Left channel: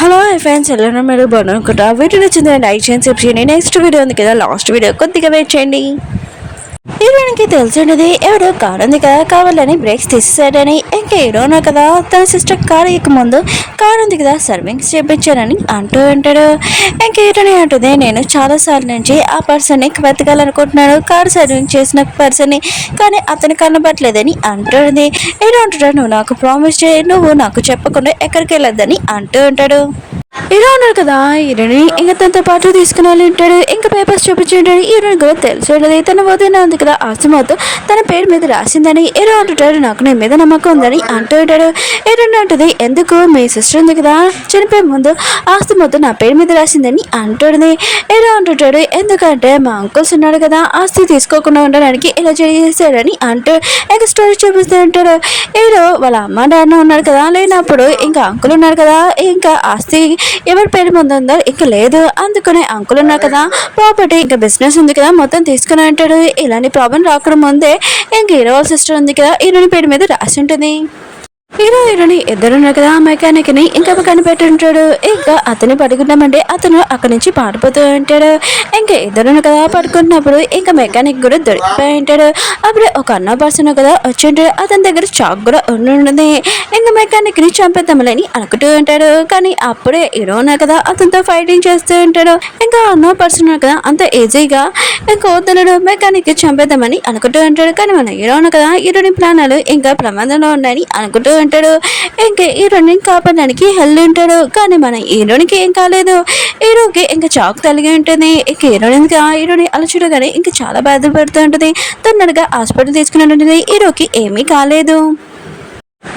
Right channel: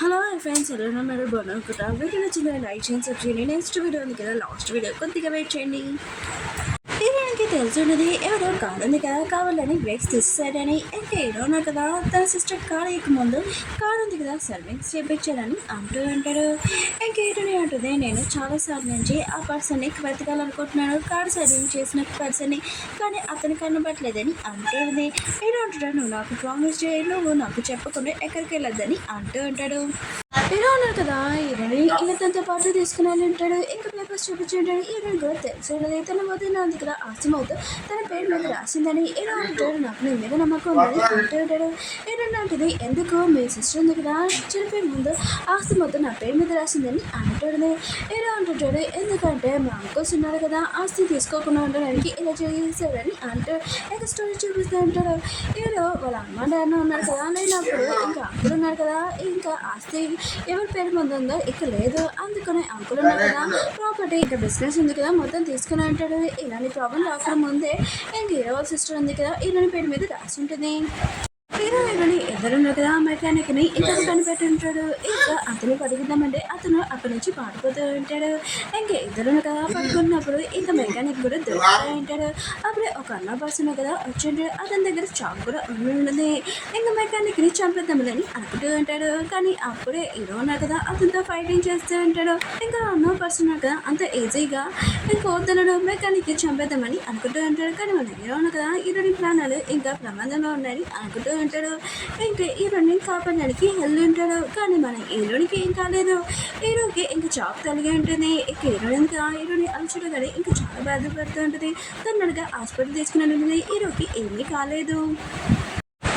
Hello hi friends ఎలా మీరు బాగున్నాను వీడియో నచ్చిందండి లైక్ చేయండి సబ్స్క్రైబ్ చేయండి నెక్స్ట్ వీడియో ఉంది కదా లాస్ట్ వీడియో కొద్దిగా వెయిట్ చేయండి హీరోయిన్కి తెలిసినది ఎవడో కారు ఉంది కదా కావాలని బ్రేక్స్ తీసేసాడని ఇంకా హీరోనా కదా తన సిస్టర్ కారు ఎక్క ముందు కారు ఉంది కదా సర్వింగ్స్ చేయించారని అంటూ ఉంటాడు. ఇంకా హీరోని అంటుంది నేను చాలాసార్లు నుంచి ఆ పర్సన్ని వెతకాలనుకుంటున్నాను కారు సర్వింగ్ చేసిన పర్సన్ని కానీ అతను కనబట్టలేదని అంటుంది. హీరో అంటాడు నువ్వు నాకు ప్రామిస్ చేయి నువ్వు నాకు చెప్పకుండా ఎక్కడికి వెళ్ళొద్దని అంటూ ఉంటాడు. హీరో ఉన్నారు కదా హీరోని ఇంకా తనతో పాటు తీసుకుని వెళ్ళి ఉంటాడు. ఇంకా పేపర్స్ చూపించుంటాడు. హీరోని కూడా తెలిసి ఉండదు తన వదిన ఉంది కదా ఆస్తి మొత్తం తన పేరు మీద రాసిందని హీరో అంటుంటాడు నాకు నీ మీద నమ్మకం ఉందని అంటూ ఉంటాడు. హీరోని అంటుంది ఎందుకు మీ సిస్టర్ ఉంది కదా చనిపోయే ముందు ఆస్తి మొత్తం నా పేరు మీద రాసిందని అంటుంది. హీరో అంటుంటాడు ఎందుకంటే మా అంకుల్స్ ఉన్నాడు కదా ఆస్తి తీసుకోకుండా ఉండడానికి ఇలా చేశాడని అంటూ ఇంకా స్టోరీ చూపిస్తూ ఉంటాడు. హీరో వాళ్ళ అమ్మ నాన్న ఉన్నారు కదా లేనప్పుడు ఇంకా అంకుల్ ఉన్నారు కదా ఇంకా ఆస్తి ఎవరి పేరు ముందు ఉందో ఇంకా లేదు అందుకనే అంకుల్ ఉన్నారు కదా ప్రాపర్టీ ఇంకా బిజినెస్ ఉంది కదా మొత్తం తీసుకుని అంటాడు. ఇలాంటి ప్రాబ్లం రాకుండా ముందే ఇంకా హీరో వాళ్ళ సిస్టర్ ఉంది కదా హీరోని పేరు మీద రాసి ఉంటుంది. హీరో హీరోని ఇద్దరున్నారు కదా మెకానిక్ ని ఇంకా కనిపెట్టుంటాడు. ఇంకా అతన్ని పడుకున్నామంటే అతను అక్కడి నుంచి పారిపోతూ ఉంటాడు. ఇంకా ఇద్దరును కదా పడుకుంటున్నప్పుడు ఇంకా మెకానిక్ కూడా దొరికిపోయి ఉంటాడు. అప్పుడే ఒక అన్న పర్సన్ కదా వచ్చి ఉంటాడు. అతని దగ్గర చాక్ కూడా ఉండి ఇంకా మెకానిక్ ని చంపేద్దామని అనుకుంటూ ఉంటాడు. కానీ అప్పుడే హీరోనా కదా అతనితో ఫైటింగ్ చేస్తూ ఉంటాడు. ఇంకా అన్న పర్సన్ కదా అంత ఈజీగా ఇంకా వద్దనడు మెకానిక్ చంపేద్దామని అనుకుంటూ ఉంటాడు. కానీ మన హీరోనా కదా హీరోని ప్రాణాలు ఇంకా ప్రమాదంలో ఉన్నాయని అనుకుంటూ ఉంటాడు. ఇంకా హీరోని కాపాడడానికి హెల్త్ ఉంటాడు. కానీ మన హీరోనికి ఏం కాలేదు. హీరోకి ఇంకా చాక్ తలిగి ఉంటుంది. ఇంకా హీరోని అలా చూడగానే ఇంకా చాలా బాధపడుతూ ఉంటుంది. తొందరగా హాస్పిటల్ తీసుకుని ఉంటుంది. హీరోకి ఏమీ కాలేదు.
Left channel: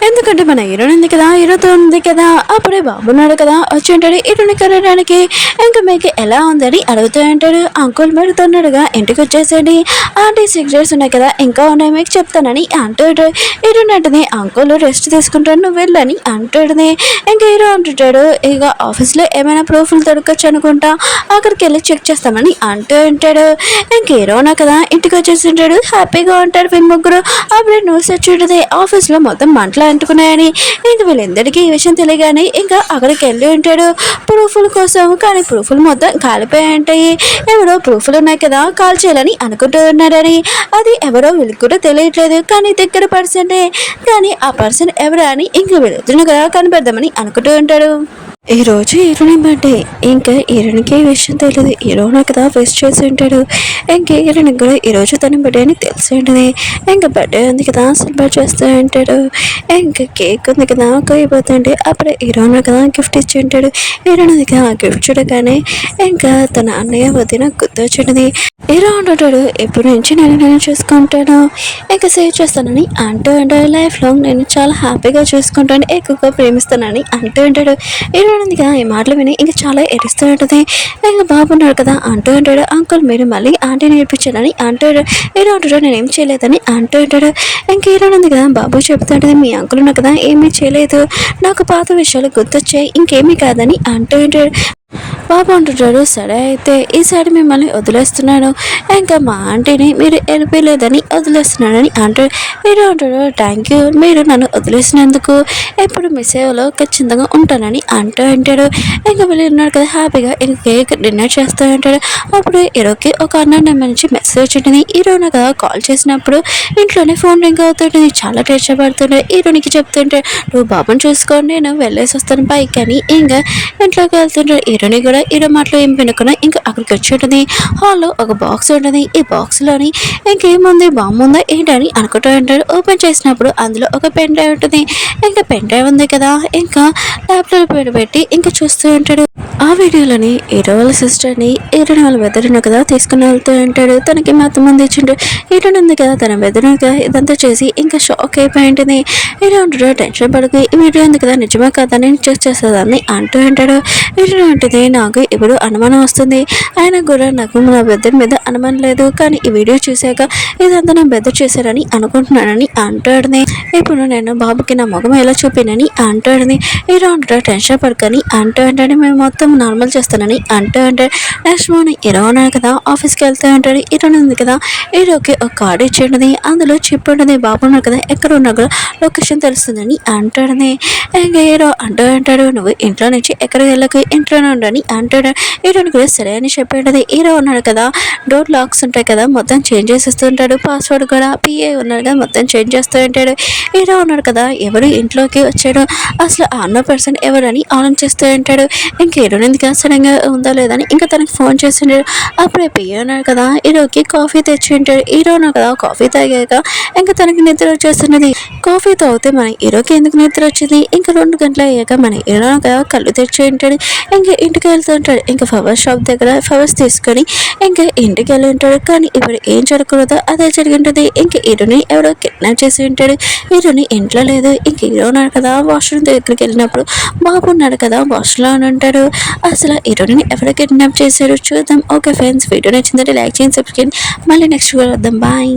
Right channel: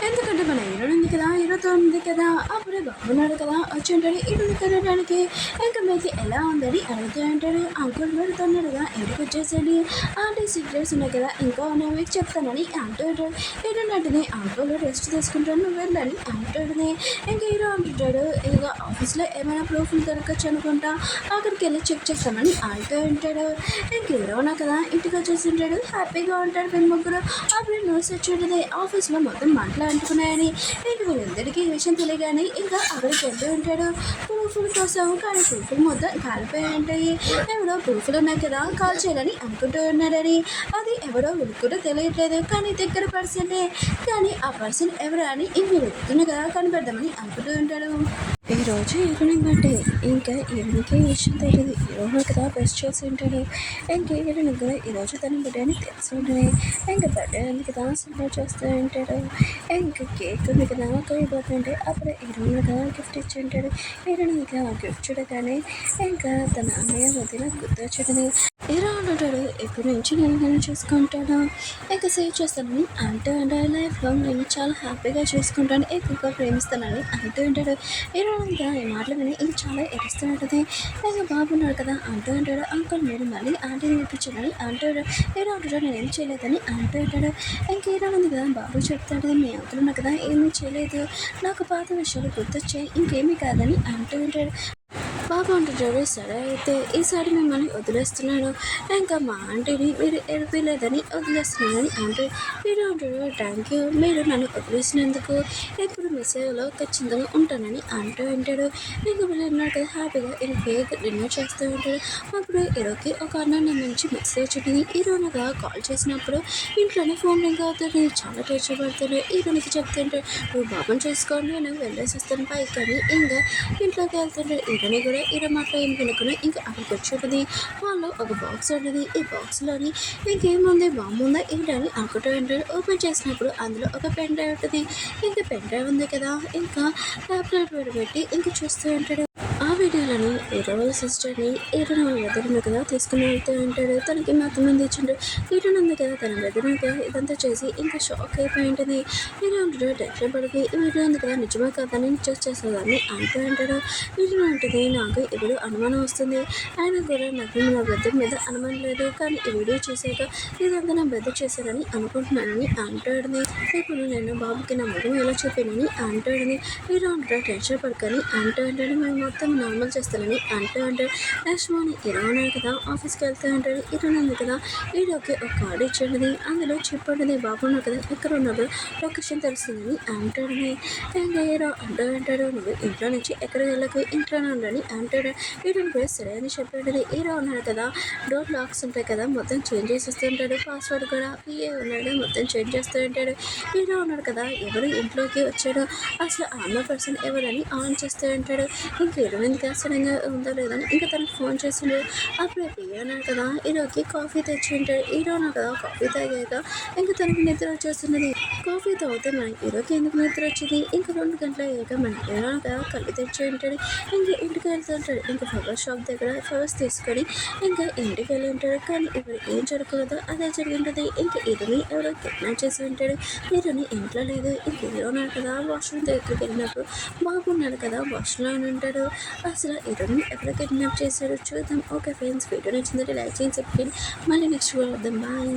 ఎందుకంటే మన హీరోయిన్ ఉంది కదా హీరోతో ఉంది కదా అప్పుడే బాబున్నాడు కదా వచ్చి ఉంటాడు. హీరోని కలవడానికి ఇంకా మీకు ఎలా ఉందని అడుగుతూ ఉంటాడు. అంకుల్ పెడుతున్నాడుగా ఇంటికి వచ్చేసండి ఆంటీ సిగరెట్స్ ఉన్నాయి కదా ఇంకా ఉన్నాయి మీకు చెప్తానని అంటాడు. హీరోని అంటుంది అంకుల్ రెస్ట్ తీసుకుంటాడు నువ్వు వెళ్ళని అంటాడుని. ఇంకా హీరో అంటుంటాడు ఇక ఆఫీస్లో ఏమైనా ప్రూఫ్లు దొరకచ్చు అనుకుంటా అక్కడికి వెళ్ళి చెక్ చేస్తామని అంటూ ఉంటాడు. ఇంక హీరోనా కదా ఇంటికి వచ్చేసి ఉంటాడు. హ్యాపీగా ఉంటాడు వీళ్ళు ముగ్గురు. అప్పుడే న్యూస్ వచ్చి ఉంటుంది ఆఫీస్లో మొత్తం మంటలు అంటుకున్నాయని. ఇంక వీళ్ళందరికీ ఈ విషయం తెలియగానే ఇంకా అక్కడికి వెళ్ళి ఉంటాడు ప్రూఫ్ల కోసం. కానీ ప్రూఫ్లు మొత్తం కాలిపోయి ఉంటాయి. ఎవరో ప్రూఫ్లు ఉన్నాయి కదా కాల్ చేయాలని అనుకుంటూ ఉన్నారని అది ఎవరో వీళ్ళకి కూడా తెలియట్లేదు. కానీ దగ్గర పర్సనే కానీ ఆ పర్సన్ ఎవరా అని ఇంక వెళుతున్న కదా కనిపెడదామని అనుకుంటూ ఉంటాడు. ఈరోజు హీరోని బర్త్డే ఇంకా హీరోనికి ఈ విషయం తెలియదు. హీరోని కదా ఫేస్ చేసి ఉంటాడు. ఇంకా హీరోనికి కూడా ఈరోజు తన బర్త్డే అని తెలిసి ఉంటుంది. ఇంకా బర్త్డే ఉంది కదా సెలబ్రేట్ చేస్తూ ఉంటాడు. ఇంకా కేక్ ఉంది కదా కోయిపోతుంటే అప్పుడే హీరోని కదా గిఫ్ట్ ఇచ్చి ఉంటాడు. హీరోని కదా గిఫ్ట్ చూడగానే ఇంకా తన అన్నయ్య వదిన గుర్తొచ్చింది. హీరో అంటుంటాడు ఎప్పటి నుంచి నేను చూసుకుంటాను ఇంకా సేవ్ చేస్తానని అంటూ ఉంటాడు. లైఫ్ లాంగ్ నేను చాలా హ్యాపీగా చూసుకుంటాను ఎక్కువగా ప్రేమిస్తానని అంటూ ఉంటాడు. హీరోయిన్ కదా ఈ మాటలు విని ఇంకా చాలా ఏడుస్తూ ఉంటుంది. ఇంకా బాబున్నాడు కదా అంటూ ఉంటాడు అంకుల్ మీరు మళ్ళీ ఆంటీ నేర్పించాలని అంటాడు. హీరో అంటాడు నేనేం చేయలేదని అంటూ ఉంటాడు. ఇంకా హీరోయిన్ కదా బాబు చెప్తుంటుంది మీ అంకుల్ ఉన్నా కదా ఏమీ చేయలేదు నాకు పాత విషయాలు గుర్తొచ్చాయి ఇంకేమీ కాదని అంటూ ఉంటాడు. బాబు అంటుంటాడు సరే అయితే ఈసారి మిమ్మల్ని వదిలేస్తున్నాను ఇంకా మా ఆంటీని మీరు వెళ్ళిపోలేదని వదిలేస్తున్నానని అంటాడు. మీరు అంటాడు థ్యాంక్ యూ మీరు నన్ను వదిలేసినందుకు ఎప్పుడు మీ సేవలో ఖచ్చితంగా ఉంటానని అంటూ ఉంటాడు. ఇంకా వీళ్ళు ఉన్నాడు కదా హ్యాపీగా ఇంకా కేక్ డిన్నర్ చేస్తూ ఉంటాడు. అప్పుడు హీరోకి ఒక అన్న నెంబర్ నుంచి మెసేజ్ ఉంటుంది. హీరోని కదా కాల్ చేసినప్పుడు ఇంట్లోనే ఫోన్ రింగ్ అవుతుంటుంది. చాలా టెన్షన్ పడుతుండే హీరోనికి చెప్తుంటే నువ్వు బాబుని చూసుకోండి నేను వెళ్ళేసి వస్తాను పైకి అని ఇంకా ఇంట్లోకి వెళ్తుంటాడు. హీరోని కూడా హీరో మాటలు ఏం వినకుండా ఇంకా అక్కడికి వచ్చి ఉంటుంది. హాల్లో ఒక బాక్స్ ఉంటుంది. ఈ బాక్స్లోని ఇంకేముంది బాంబు ఉందా ఏంటని అనుకుంటూ ఉంటాడు. ఓపెన్ చేసినప్పుడు అందులో ఒక పెన్ డ్రైవ్ ఉంటుంది. ఇంకా పెన్ డ్రైవ్ ఉంది కదా ఇంకా ల్యాప్టాప్ పెట్టి ఇంకా చూస్తూ ఉంటాడు. ఆ వీడియోలోని హీరో వాళ్ళ సిస్టర్ని హీరోని వాళ్ళ బెదరును కదా తీసుకుని వెళ్తూ ఉంటాడు. తనకి మొత్తం మంది ఇచ్చిండు. హీరోని ఉంది కదా తన బెదరుగా ఇదంతా చేసి ఇంకా షాక్ అయిపోయి ఉంటుంది. హీరో ఉంటాడు టెన్షన్ పడుకు ఈ వీడియో ఉంది కదా నిజమే కదా నేను చెక్ చేసేదాన్ని అంటూ ఉంటాడు. హీరో ఉంటుంది నాకు ఇప్పుడు అనుమానం వస్తుంది ఆయన కూడా నాకు నా బెదర్ మీద అనుమానం లేదు కానీ ఈ వీడియో చూశాక ఇదంతా నా బెదర్ చేశారని అనుకుంటున్నానని అంటాడుని. ఇప్పుడు నేను బాబుకి నా ముఖం ఎలా చూపినని అంటాడుని. హీరో ఉంటాడు టెన్షన్ పడుకొని అంటూ ఉంటాడు మేము మొత్తం నార్మల్ చేస్తానని అంటాడు. నెక్స్ట్ మార్నింగ్ హీరో ఉన్నాడు కదా, ఆఫీస్కి వెళ్తూ ఉంటాడు. హీరో ఉంది కదా, హీరోకి ఒక కార్డు ఇచ్చేటది, అందులో చిప్ ఉంటుంది. బాబు ఉన్నాడు కదా, ఎక్కడ ఉన్నా కూడా లొకేషన్ తెలుస్తుందని అంటాడని. ఇంకా హీరో అంటూ అంటాడు, నువ్వు ఇంట్లో నుంచి ఎక్కడికి వెళ్ళకు, ఇంట్లోనే ఉండని అంటాడు. హీరోని కూడా సరే అని చెప్పేటది. హీరో ఉన్నాడు కదా, డోర్ లాక్స్ ఉంటాయి కదా, మొత్తం చేంజ్ చేసేస్తూ ఉంటాడు. పాస్వర్డ్ కూడా పిఏ ఉన్నాడు కదా, మొత్తం చేంజ్ చేస్తూ ఉంటాడు. హీరో ఉన్నాడు కదా, ఎవరు ఇంట్లోకి వచ్చాడు, అసలు ఆ అన్న పర్సన్ ఎవరని ఆలోచిస్తూ ఉంటాడు. ఇంక హీరోని ఎందుకు సడన్గా ఉందా లేదని ఇంకా తనకి ఫోన్ చేసింటాడు. అప్పుడే పిఏ ఉన్నాడు కదా, హీరోకి కాఫీ తెచ్చి ఉంటాడు. హీరో ఉన్నాడు కదా, కాఫీ తాగాక ఇంకా తనకి నిద్ర వచ్చేస్తున్నది. కాఫీ తాగితే మన హీరోకి ఎందుకు నిద్ర వచ్చింది, ఇంకా 2 గంటలు అయ్యాక మన హీరో కదా కళ్ళు తెచ్చి ఉంటాడు. ఇంకా ఇంటికి వెళ్తూ ఉంటాడు. ఇంకా ఫ్లవర్స్ షాప్ దగ్గర ఫ్లవర్స్ తీసుకొని ఇంకా ఇంటికి వెళ్ళి ఉంటాడు. కానీ ఇప్పుడు ఏం జరగకూడదో అదే జరిగింటుంది. ఇంక హీరోని ఎవరో కిడ్నాప్ చేసి ఉంటాడు. హీరోని ఇంట్లో లేదు. ఇంక హీరో ఉన్నాడు కదా, వాష్రూమ్ దగ్గరికి వెళ్ళినప్పుడు బాబు ఉన్నాడు కదా, వాష్లో అని ఉంటాడు. అసలు హీరోని ఎవరో కిడ్నాప్ చేశారు చూద్దాం. ఓకే ఫ్రెండ్స్, వీడియో నచ్చిందంటే లైక్ చేయండి, సబ్స్క్రైబ్. మళ్ళీ నెక్స్ట్ వద్దాం. బాయ్.